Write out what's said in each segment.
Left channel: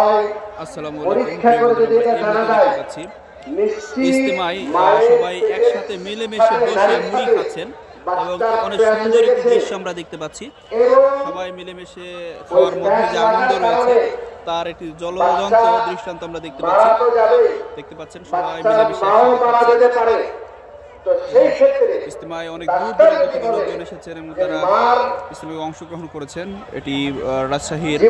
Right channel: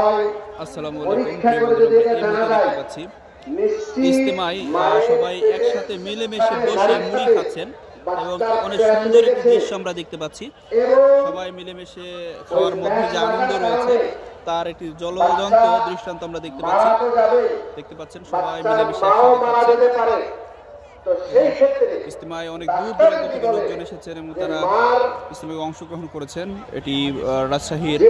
আসসালামু আলাইকুম প্রিয় বন্ধুরা, আমরা এই মুহূর্তে দেখতে পাচ্ছি ইজতেমায় সবাই একসাথে মিলেমিশে বসে মুড়ি খাচ্ছেন এবং অনেক সুন্দর একটি দৃশ্য আমরা দেখতে পাচ্ছি। সবাই মিলেমিশে খাওয়ার মধ্যে যে আনন্দ রয়েছে তার একটি জ্বলন্ত দৃষ্টান্ত আমরা দেখতে পাচ্ছেন। সবাই মিলেমিশে একসাথে খাচ্ছেন। ইজতেমায় অনেক দূর দূরান্ত থেকে লোকজন এসেছেন এবং তারা ইজতেমায় অংশগ্রহণ করেছেন। এটি রাজশাহীর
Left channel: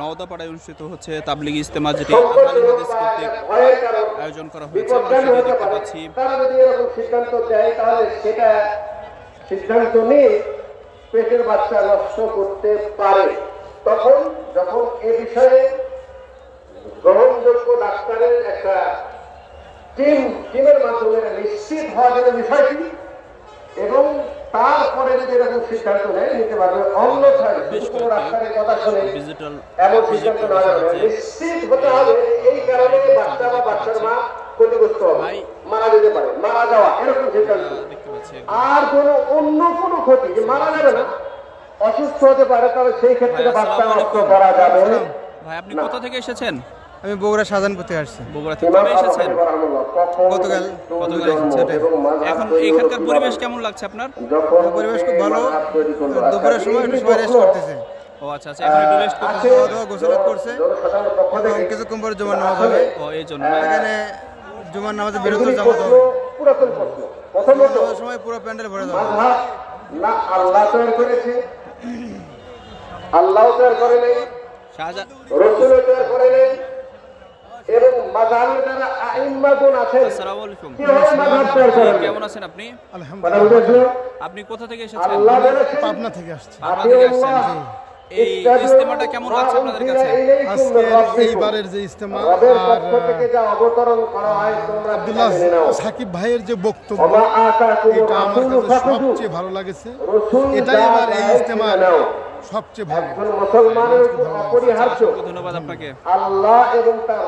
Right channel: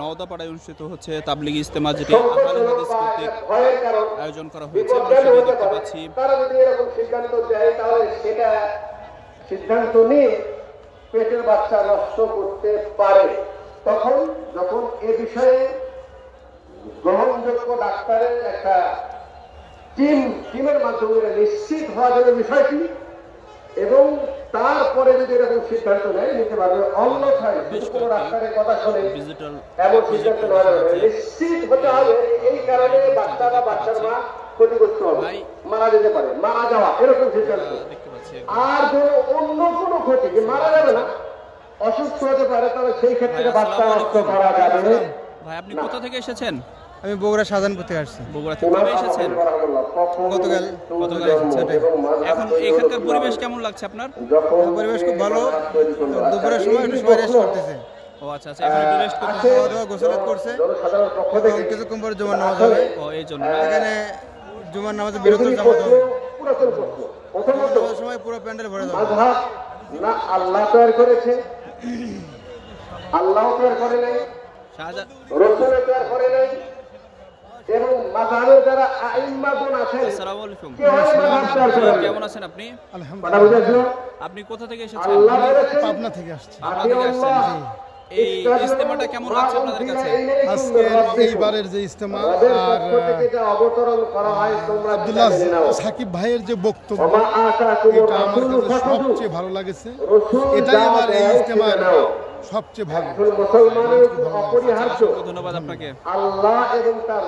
নওদাপাড়ায় অনুষ্ঠিত হচ্ছে তাবলিগ ইজতেমা, যেটি আহলে হাদিস কর্তৃক আয়োজন করা হয়েছে। আমরা সেটি দেখতে পাচ্ছি। সিদ্ধান্ত নিয়ে পেটের বাচ্চা নষ্ট করতে পারে, তখন যখন এ বিষয়ে গ্রহণযোগ্য ডাক্তারের একটা টিমের মাধ্যমে নিশ্চিত হওয়া যাবে বিষয়টি, এবং তারপরে যদি এরকম সিদ্ধান্ত নেয় নিতে পারবে। অন্যথায় কোনো ডাক্তারের কথা শুনে এমন সিদ্ধান্ত নেওয়া যাবে, নিশ্চিত হতে হবে। এই কারণে বাচ্চা বা বাচ্চার মা ক্ষতিগ্রস্ত হবে, মারা যেতে পারে, মারা যাওয়া এরকম সিদ্ধান্ত। আর কোনো অন্য কোনো ক্ষতি যে মারা যাবে না, অসুস্থ হতে পারে, তাহলে সেই ক্ষেত্রে বাচ্চা নষ্ট করা যাবে না। ভাই, আপনি কোথা থেকে এসেছেন? আমি বগুড়া শাহজাহানপুর থেকে আসছি। বগুড়া থেকে কবে এসেছেন? গতকাল এসেছেন। এখন এখানকার পরিবেশ কেমন লাগছে আপনার? পরিবেশ খুব ভালো। দুপুরের সময় একটু সবাই রেস্ট করতেছে। ও আচ্ছা আচ্ছা, এখন একটু রেস্ট করতেছে, গোসলাত করছে এবং কিছুক্ষণ পরে জুমার নামাজ হবে। ও এই জন্য এখানে জুমার নামাজে বিরতির জামাত হবে। জুমার নামাজের সময় পুরো প্যান্ডেল ভরে যাবে। আল্লাহ তৈরি করেছে, আল্লাহ তৈরি করে নেই, রসুল তৈরি করে নেই, এবং মাযহাবের যারা আইম্মাতুন আছেন। আসসালামু আলাইকুম, কেমন আছেন আপনি? আলহামদুলিল্লাহ। আপনি কোথা থেকে এসেছেন? পাবনা থেকে আসছি। পাবনা থেকে আসছেন। এই ইজতেমাটা কেমন লাগছে আপনাদের কাছে? আজকে এইবারের যে ইজতেমা আর আব্দুল্লাহ সাকিব ভাইয়ের যে বক্তব্য, এটা আমার কাছে সবচেয়ে ভালো লাগেছে। এটাই আমার এই ইজতেমার সবচেয়ে ভালো। ধন্যবাদ আপনাকে। আল্লাহ এবং তার